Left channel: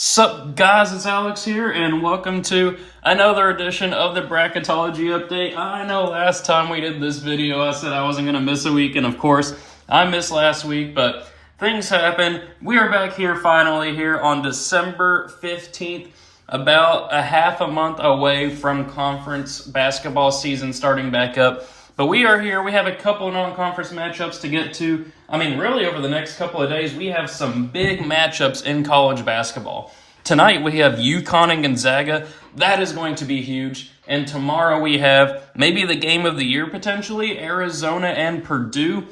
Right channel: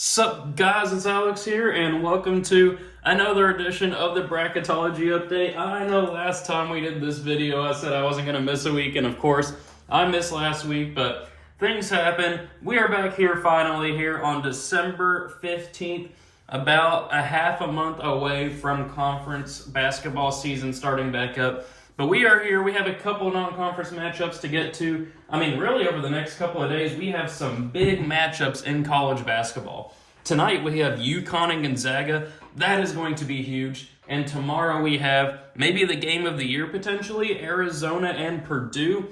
Sup guys, it's Alex here and welcome to another edition of the Bracketology update. I know last time we did this video I said I wasn't going to miss a week, and of course I missed last week, but things happen. We are back here finally here on December 15th, about a half a month away from conference basketball season starting back up. But we are here. We have a couple non-conference matchups to get to. Really over the next couple of days, we have some big matchups in college basketball. Tonight, we have UConn and Gonzaga. That is going to be huge. And tomorrow, we have maybe the game of the year, potentially, Arizona and Purdue.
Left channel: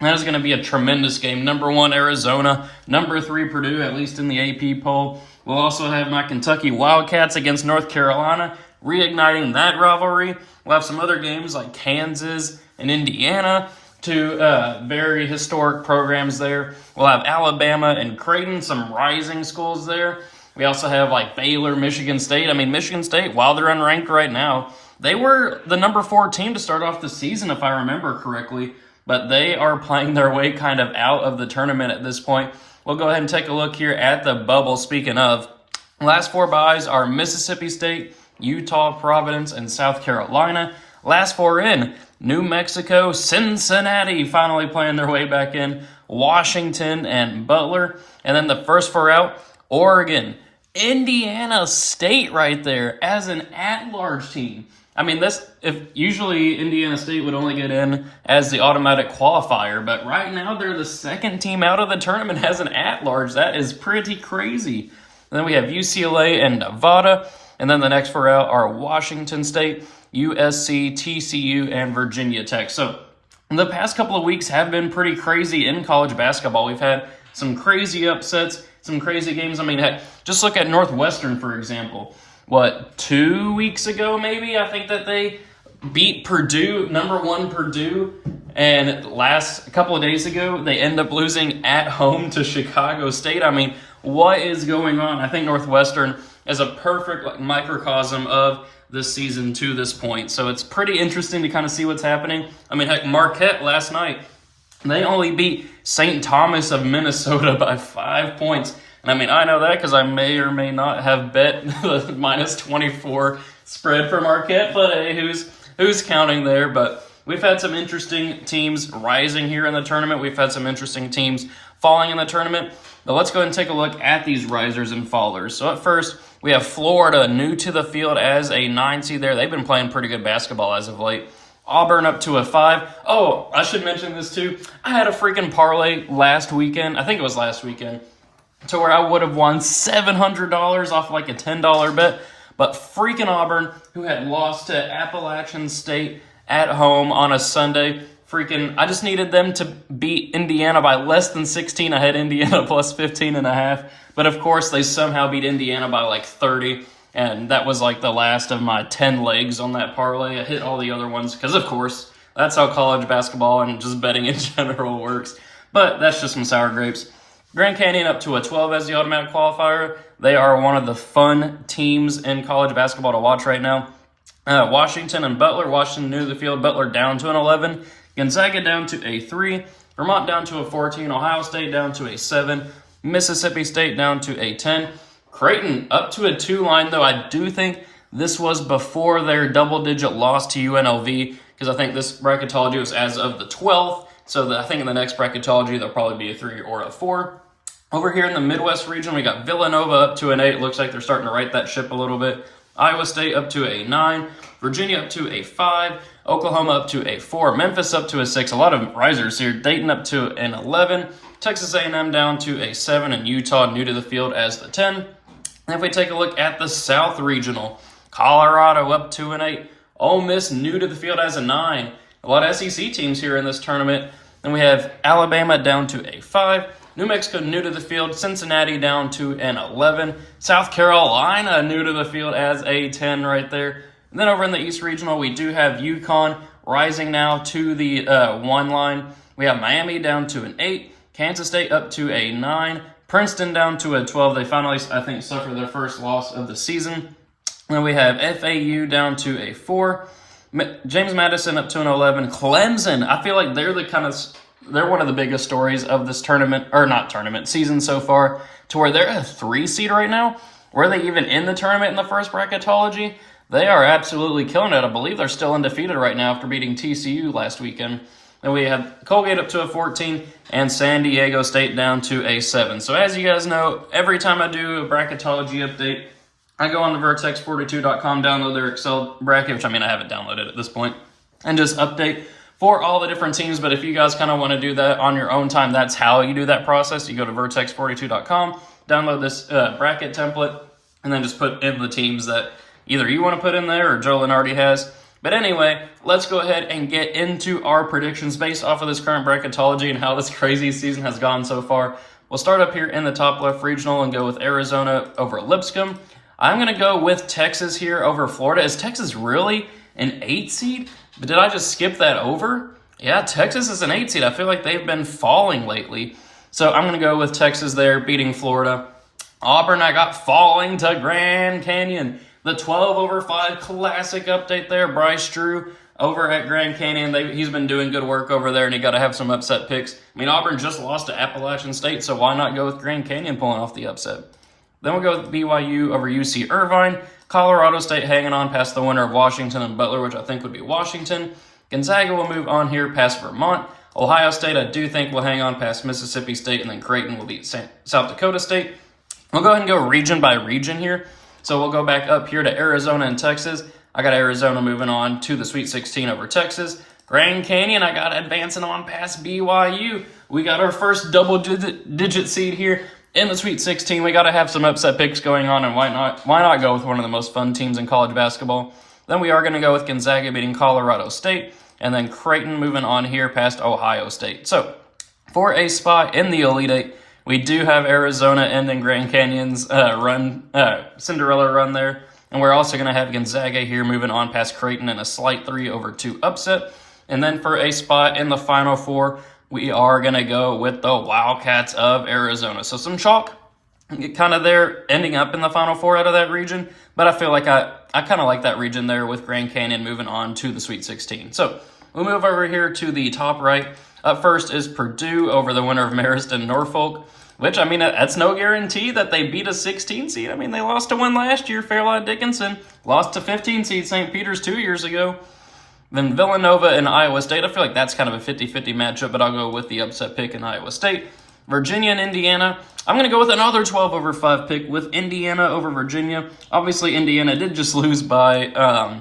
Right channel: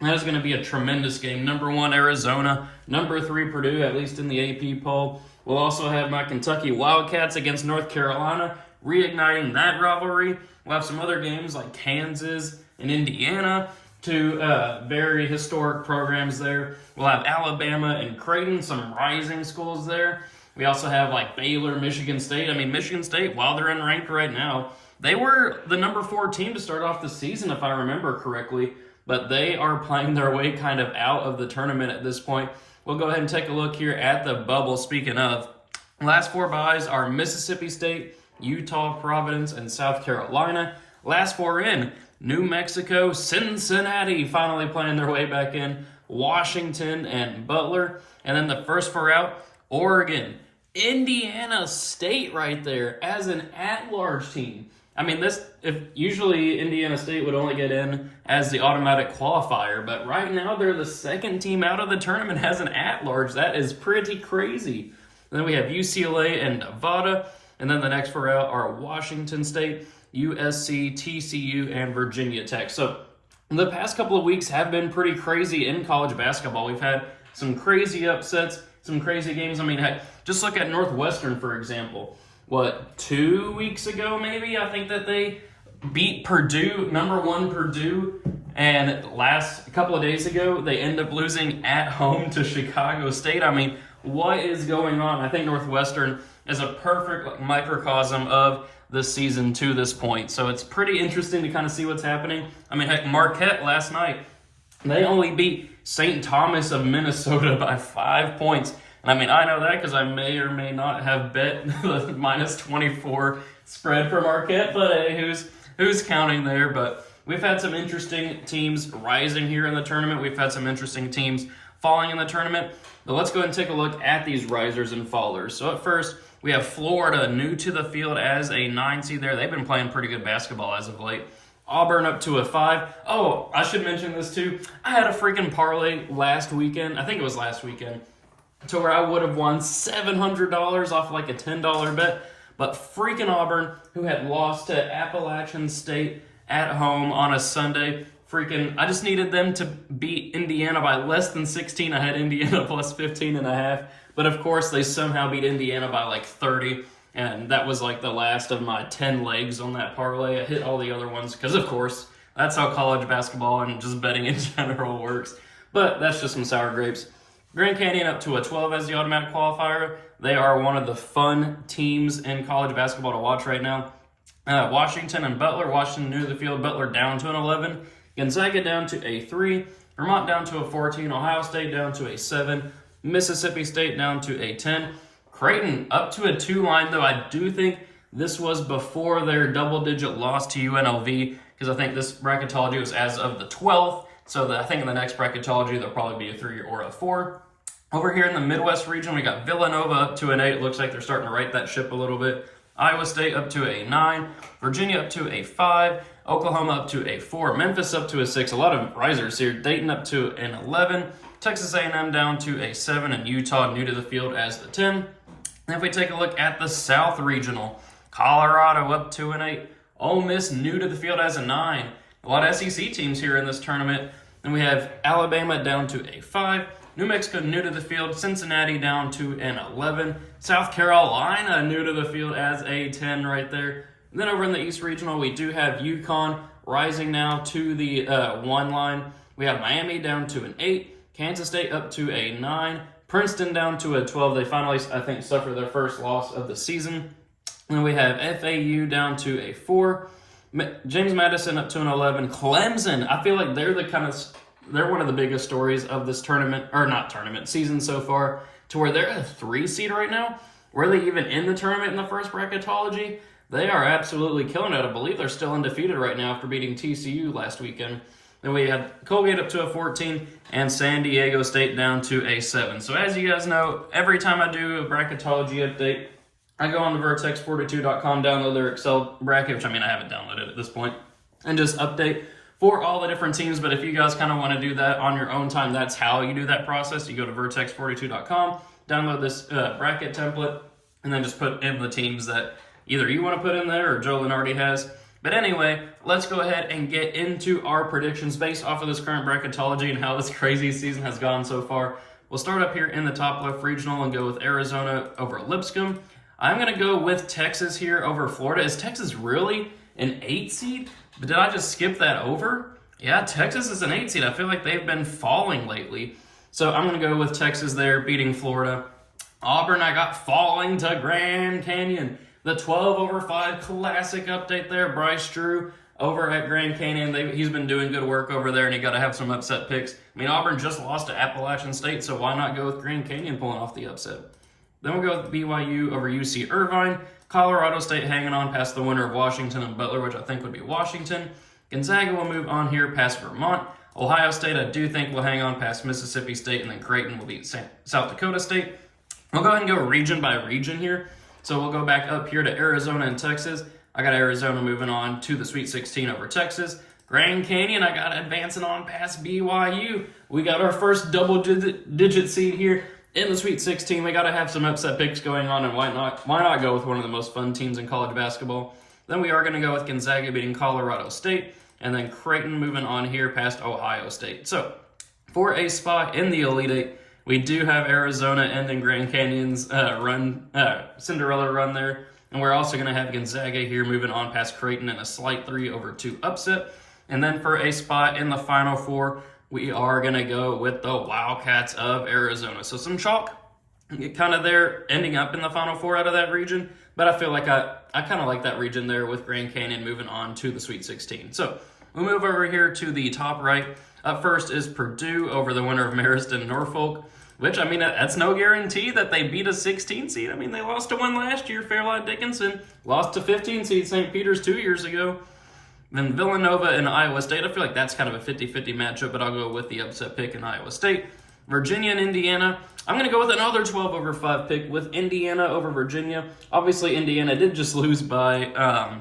That is going to be a tremendous game. Number 1, Arizona. Number 3, Purdue, at least in the AP poll. We'll also have my Kentucky Wildcats against North Carolina, reigniting that rivalry. We'll have some other games like Kansas and Indiana, two very historic programs there. We'll have Alabama and Creighton, some rising schools there. We also have like Baylor, Michigan State. Michigan State, while they're unranked right now, they were the number 4 team to start off the season, if I remember correctly. But they are playing their way kind of out of the tournament at this point. We'll go ahead and take a look here at the bubble. Speaking of, last 4 byes are Mississippi State, Utah, Providence, and South Carolina. Last 4 in, New Mexico, Cincinnati finally playing their way back in, Washington, and Butler. And then the first 4 out, Oregon, Indiana State right there as an at-large team. If usually Indiana State would only get in as the automatic qualifier, but right now they're the second team out of the tournament as an at-large. That is pretty crazy. And then we have UCLA and Nevada. And then the next 4 out are Washington State, USC, TCU, and Virginia Tech. So the past couple of weeks have been pretty crazy in college basketball. We've had some crazy upsets, some crazy games. Heck, just look at Northwestern, for example. 2 weeks ago maybe? I think that they beat Purdue, number 1 Purdue. And a couple of days ago, they end up losing at home to Chicago State. What is going on? I think Northwestern is a perfect microcosm of this season to this point. So it's pretty interesting to kind of see what's happening. Heck, Marquette last night, they only beat St. Thomas of Minnesota by 5 points. And I know that because I may or may not have bet the minus 24 spread for Marquette, but hey, who's counting there? But we've had some interesting teams rising here in the tournament. We've had some interesting teams falling in the tournament. But let's go ahead and take a look at these risers and fallers. So at first, we have Florida new to the field as a 9 seed there. They've been playing pretty good basketball as of late. Auburn up to a 5. Oh, I should mention this too. I had a freaking parlay last weekend. I think it was last weekend. To where I would have won $700 off like a $10 bet. But freaking Auburn, who had lost to Appalachian State at home on a Sunday, I just needed them to beat Indiana by less than 16. I had Indiana plus 15.5. But of course, they somehow beat Indiana by like 30. And that was like the last of my 10 legs on that parlay. I hit all the other ones because, of course, that's how college basketball and just betting in general works. But that's just some sour grapes. Grand Canyon up to a 12 as the automatic qualifier. They are one of the fun teams in college basketball to watch right now. Washington and Butler. Washington new to the field. Butler down to an 11. Gonzaga down to a 3. Vermont down to a 14. Ohio State down to a 7. Mississippi State down to a 10. Creighton up to a 2 line, though I do think this was before their double-digit loss to UNLV, because I think this bracketology was as of the 12th. So I think in the next bracketology, there'll probably be a 3 or a 4. Over here in the Midwest region, we got Villanova up to an 8. Looks like they're starting to right that ship a little bit. Iowa State up to a 9. Virginia up to a 5. Oklahoma up to a 4. Memphis up to a 6. A lot of risers here. Dayton up to an 11. Texas A&M down to a 7. And Utah new to the field as the 10. And if we take a look at the South Regional, Colorado up to an 8. Ole Miss new to the field as a 9. A lot of SEC teams here in this tournament. Then we have Alabama down to a 5. New Mexico new to the field. Cincinnati down to an 11. South Carolina new to the field as a 10 right there. And then over in the East Regional, we do have UConn rising now to the 1 line. We have Miami down to an 8. Kansas State up to a 9. Princeton down to a 12. They finally, I think, suffered their first loss of the season. And then we have FAU down to a 4. James Madison up to an 11. Clemson, I feel like they're one of the biggest stories of this season so far. to where they're a 3 seed right now. Were they even in the tournament in the first bracketology? They are absolutely killing it. I believe they're still undefeated right now after beating TCU last weekend. Then we have Colgate up to a 14 and San Diego State down to a 7. So as you guys know, every time I do a bracketology update, I go on the vertex42.com, download their Excel bracket, which I mean I haven't downloaded at this point, and just update for all the different teams. But if you guys kind of want to do that on your own time, that's how you do that process. You go to vertex42.com, download this bracket template, and then just put in the teams that either you want to put in there or Joe Lunardi has. But anyway, let's go ahead and get into our predictions based off of this current bracketology and how this crazy season has gone so far. We'll start up here in the top left regional and go with Arizona over Lipscomb. I'm going to go with Texas here over Florida. Is Texas really an 8 seed? But did I just skip that over? Yeah, Texas is an 8 seed. I feel like they've been falling lately. So I'm going to go with Texas there, beating Florida. Auburn, I got falling to Grand Canyon. The 12 over 5 classic update there. Bryce Drew over at Grand Canyon. He's been doing good work over there, and he got to have some upset picks. I mean, Auburn just lost to Appalachian State, so why not go with Grand Canyon pulling off the upset? Then we'll go with BYU over UC Irvine. Colorado State hanging on past the winner of Washington and Butler, which I think would be Washington. Gonzaga will move on here past Vermont. Ohio State, I do think, will hang on past Mississippi State, and then Creighton will beat South Dakota State. We'll go ahead and go region by region here. So we'll go back up here to Arizona and Texas. I got Arizona moving on to the Sweet 16 over Texas. Grand Canyon, I got advancing on past BYU. We got our first double-digit seed here in the Sweet 16. We got to have some upset picks going on, and why not go with one of the most fun teams in college basketball? Then we are going to go with Gonzaga beating Colorado State, and then Creighton moving on here past Ohio State. So for a spot in the Elite Eight, we do have Arizona ending Grand Canyon's Cinderella run there. And we're also going to have Gonzaga here moving on past Creighton in a slight 3-2 upset. And then for a spot in the Final Four, we are going to go with the Wildcats of Arizona. So some chalk kind of there ending up in the Final Four out of that region. But I feel like I kind of like that region there with Grand Canyon moving on to the Sweet 16. So we'll move over here to the top right. Up first is Purdue over the winner of Marist and Norfolk, which, I mean, that's no guarantee that they beat a 16 seed. I mean, they lost to one last year, Fairleigh Dickinson. Lost to 15 seed St. Peter's 2 years ago. Then Villanova and Iowa State. I feel like that's kind of a 50-50 matchup, but I'll go with the upset pick in Iowa State. Virginia and Indiana. I'm going to go with another 12 over 5 pick with Indiana over Virginia. Obviously, Indiana did just lose by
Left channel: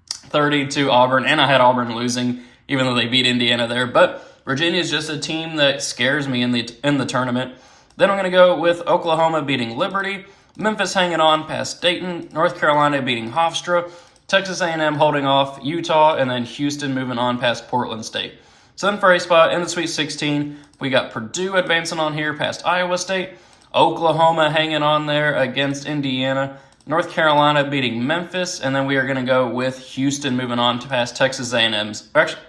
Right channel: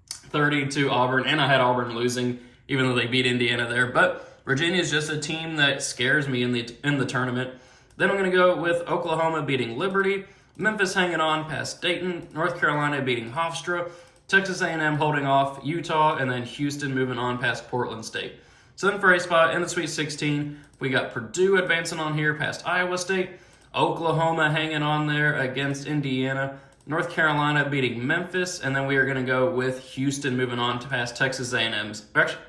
30 to Auburn, and I had Auburn losing, even though they beat Indiana there. But Virginia is just a team that scares me in the tournament. Then I'm going to go with Oklahoma beating Liberty, Memphis hanging on past Dayton, North Carolina beating Hofstra, Texas A&M holding off Utah, and then Houston moving on past Portland State. So then for a spot in the Sweet 16, we got Purdue advancing on here past Iowa State, Oklahoma hanging on there against Indiana, North Carolina beating Memphis, and then we are going to go with Houston moving on to past Texas A&M's. Actually,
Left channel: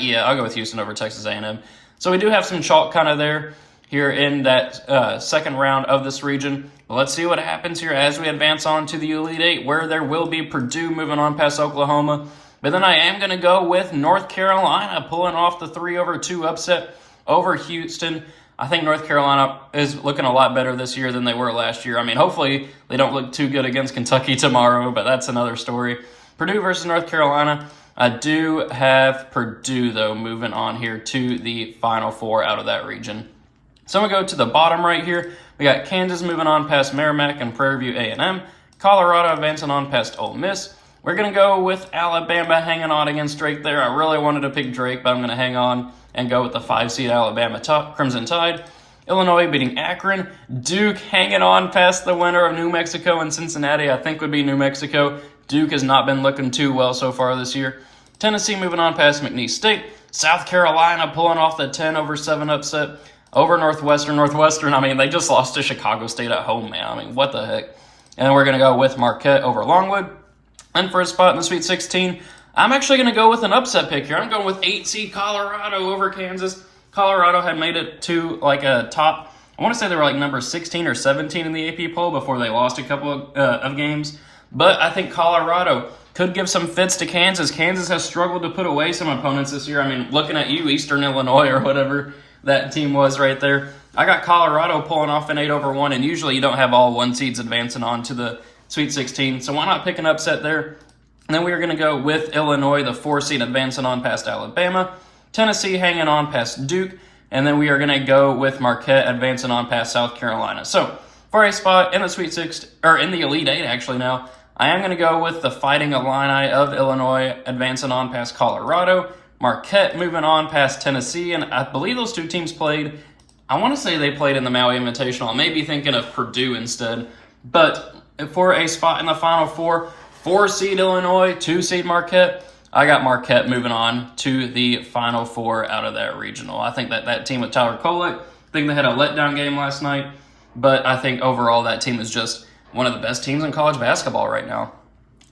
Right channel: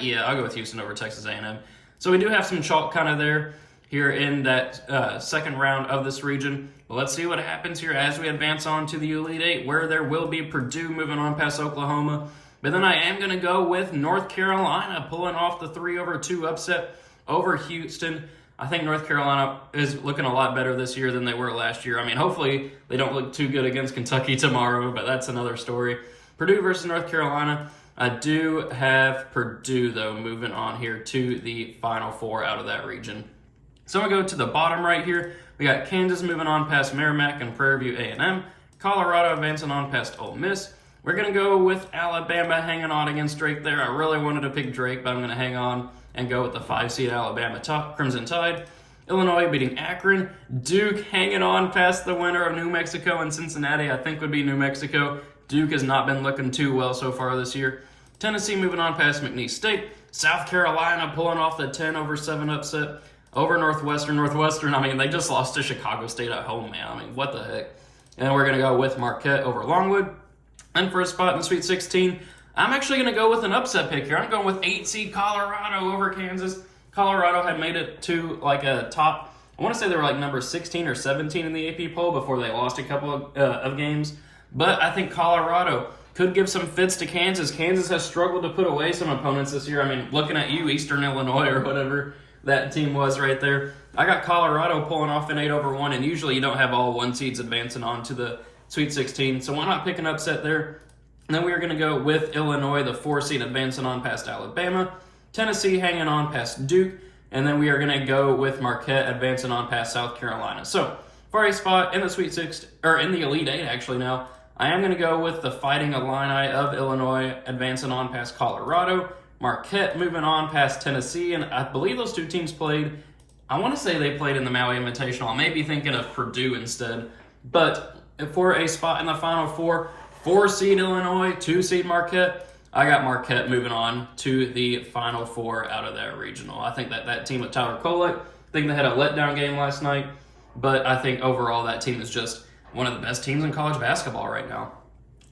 yeah, I'll go with Houston over Texas A&M. So we do have some chalk kind of there here in that second round of this region. But let's see what happens here as we advance on to the Elite Eight, where there will be Purdue moving on past Oklahoma. But then I am going to go with North Carolina pulling off the 3-2 upset over Houston. I think North Carolina is looking a lot better this year than they were last year. I mean, hopefully they don't look too good against Kentucky tomorrow, but that's another story. Purdue versus North Carolina. I do have Purdue, though, moving on here to the Final Four out of that region. So I'm going to go to the bottom right here. We got Kansas moving on past Merrimack and Prairie View A&M. Colorado advancing on past Ole Miss. We're going to go with Alabama hanging on against Drake there. I really wanted to pick Drake, but I'm going to hang on and go with the 5-seed Alabama Crimson Tide. Illinois beating Akron. Duke hanging on past the winner of New Mexico and Cincinnati. I think would be New Mexico. Duke has not been looking too well so far this year. Tennessee moving on past McNeese State. South Carolina pulling off the 10-7 upset over Northwestern. Northwestern, I mean, they just lost to Chicago State at home, man. I mean, what the heck? And then we're going to go with Marquette over Longwood. And for a spot in the Sweet 16, I'm actually going to go with an upset pick here. I'm going with 8-seed Colorado over Kansas. Colorado had made it to like a top, I want to say they were like number 16 or 17 in the AP poll before they lost a couple of games. But I think Colorado could give some fits to Kansas. Kansas has struggled to put away some opponents this year. I mean, looking at you, Eastern Illinois or whatever. that team was right there. I got Colorado pulling off an 8-1, and usually you don't have all 1 seeds advancing on to the Sweet 16, so why not pick an upset there? And then we are going to go with Illinois, the 4 seed, advancing on past Alabama. Tennessee hanging on past Duke. And then we are going to go with Marquette advancing on past South Carolina. So for a spot in the Sweet 6, or in the Elite 8 actually now, I am going to go with the Fighting Illini of Illinois advancing on past Colorado. Marquette moving on past Tennessee. And I believe those 2 teams played, I want to say they played in the Maui Invitational. I may be thinking of Purdue instead. But for a spot in the Final Four, 4 seed Illinois, 2 seed Marquette. I got Marquette moving on to the Final Four out of that regional. I think that team with Tyler Kolek, I think they had a letdown game last night, but I think overall that team is just one of the best teams in college basketball right now.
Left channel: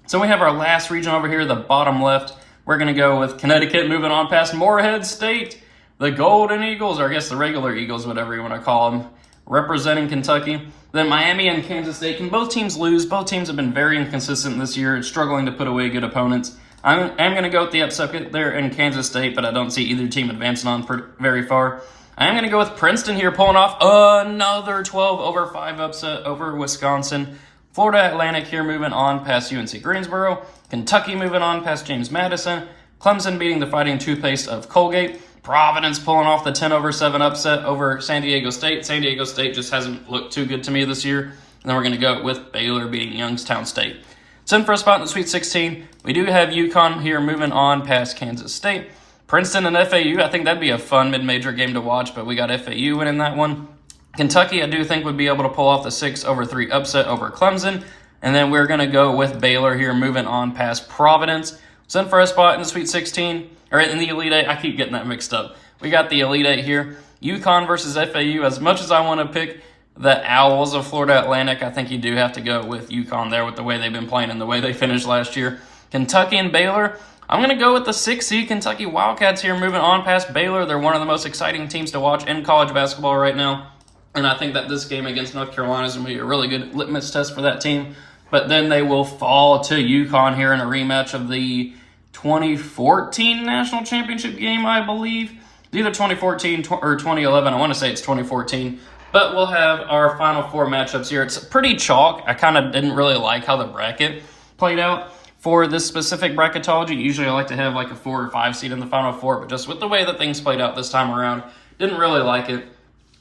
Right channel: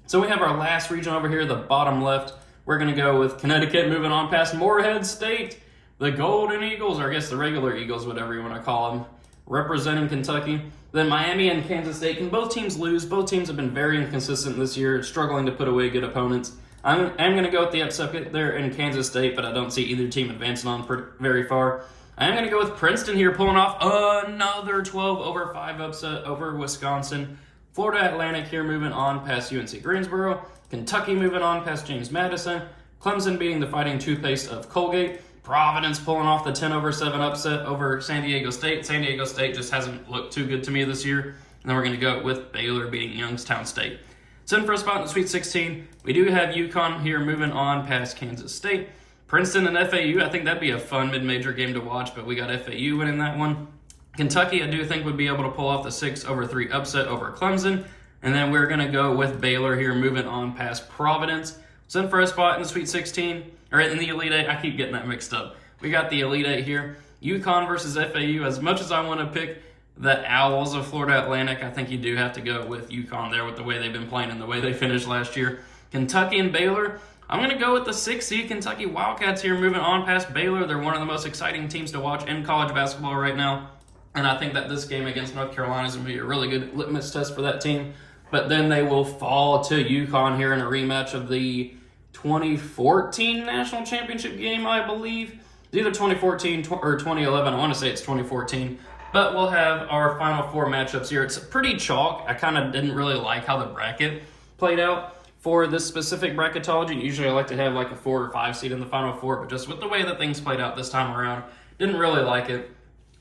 So we have our last region over here, the bottom left. We're going to go with Connecticut moving on past Morehead State, the Golden Eagles, or I guess the regular Eagles, whatever you want to call them, representing Kentucky. Then Miami and Kansas State. Can both teams lose? Both teams have been very inconsistent this year, struggling to put away good opponents. I'm going to go with the upset there in Kansas State, but I don't see either team advancing on very far. I am going to go with Princeton here, pulling off another 12-5 upset over Wisconsin. Florida Atlantic here moving on past UNC Greensboro. Kentucky moving on past James Madison. Clemson beating the Fighting Toothpaste of Colgate. Providence pulling off the 10-7 upset over San Diego State. San Diego State just hasn't looked too good to me this year. And then we're going to go with Baylor beating Youngstown State. So in for a spot in the Sweet 16, we do have UConn here moving on past Kansas State. Princeton and FAU, I think that'd be a fun mid-major game to watch, but we got FAU winning that one. Kentucky, I do think, would be able to pull off the 6-3 upset over Clemson. And then we're going to go with Baylor here moving on past Providence. So in for a spot in the Sweet 16, or in the Elite 8, I keep getting that mixed up. We got the Elite 8 here. UConn versus FAU. As much as I want to pick the Owls of Florida Atlantic, I think you do have to go with UConn there with the way they've been playing and the way they finished last year. Kentucky and Baylor, I'm going to go with the 6 seed Kentucky Wildcats here moving on past Baylor. They're one of the most exciting teams to watch in college basketball right now. And I think that this game against North Carolina is going to be a really good litmus test for that team. But then they will fall to UConn here in a rematch of the 2014 National Championship game, I believe. It's either 2014 or 2011. I want to say it's 2014. But we'll have our Final Four matchups here. It's pretty chalk. I kind of didn't really like how the bracket played out for this specific bracketology. Usually I like to have like a 4 or 5 seed in the Final Four, but just with the way that things played out this time around, didn't really like it.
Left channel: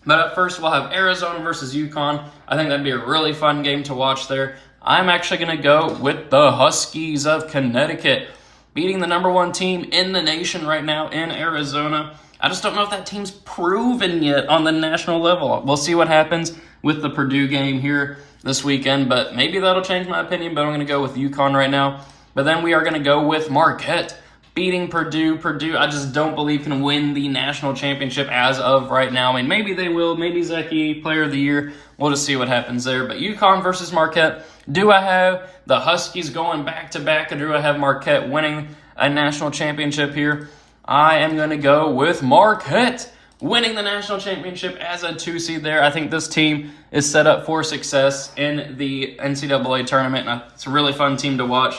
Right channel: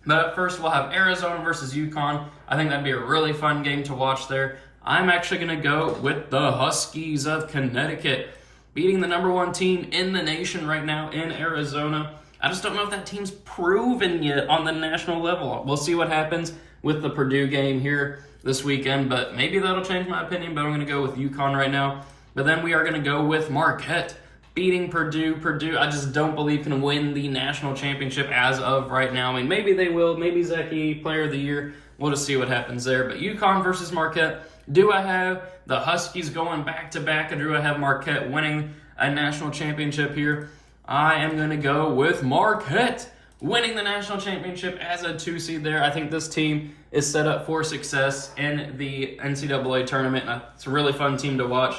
But at first we'll have Arizona versus UConn. I think that'd be a really fun game to watch there. I'm actually going to go with the Huskies of Connecticut, beating the number 1 team in the nation right now in Arizona. I just don't know if that team's proven yet on the national level. We'll see what happens with the Purdue game here this weekend, but maybe that'll change my opinion, but I'm going to go with UConn right now. But then we are going to go with Marquette, beating Purdue. Purdue, I just don't believe can win the national championship as of right now. I mean, maybe they will. Maybe Zeki, player of the year. We'll just see what happens there. But UConn versus Marquette. Do I have the Huskies going back-to-back, or do I have Marquette winning a national championship here? I am going to go with Marquette winning the national championship as a 2 seed there. I think this team is set up for success in the NCAA tournament. It's a really fun team to watch.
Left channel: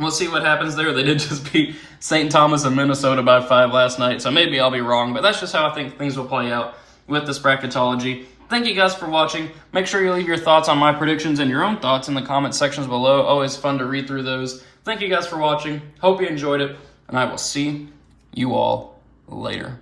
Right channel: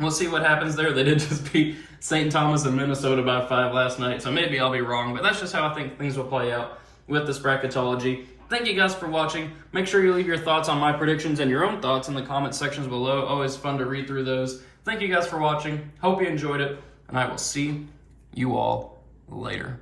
We'll see what happens there. They did just beat St. Thomas and Minnesota by 5 last night, so maybe I'll be wrong, but that's just how I think things will play out with this bracketology. Thank you guys for watching. Make sure you leave your thoughts on my predictions and your own thoughts in the comment sections below. Always fun to read through those. Thank you guys for watching. Hope you enjoyed it, and I will see you all later.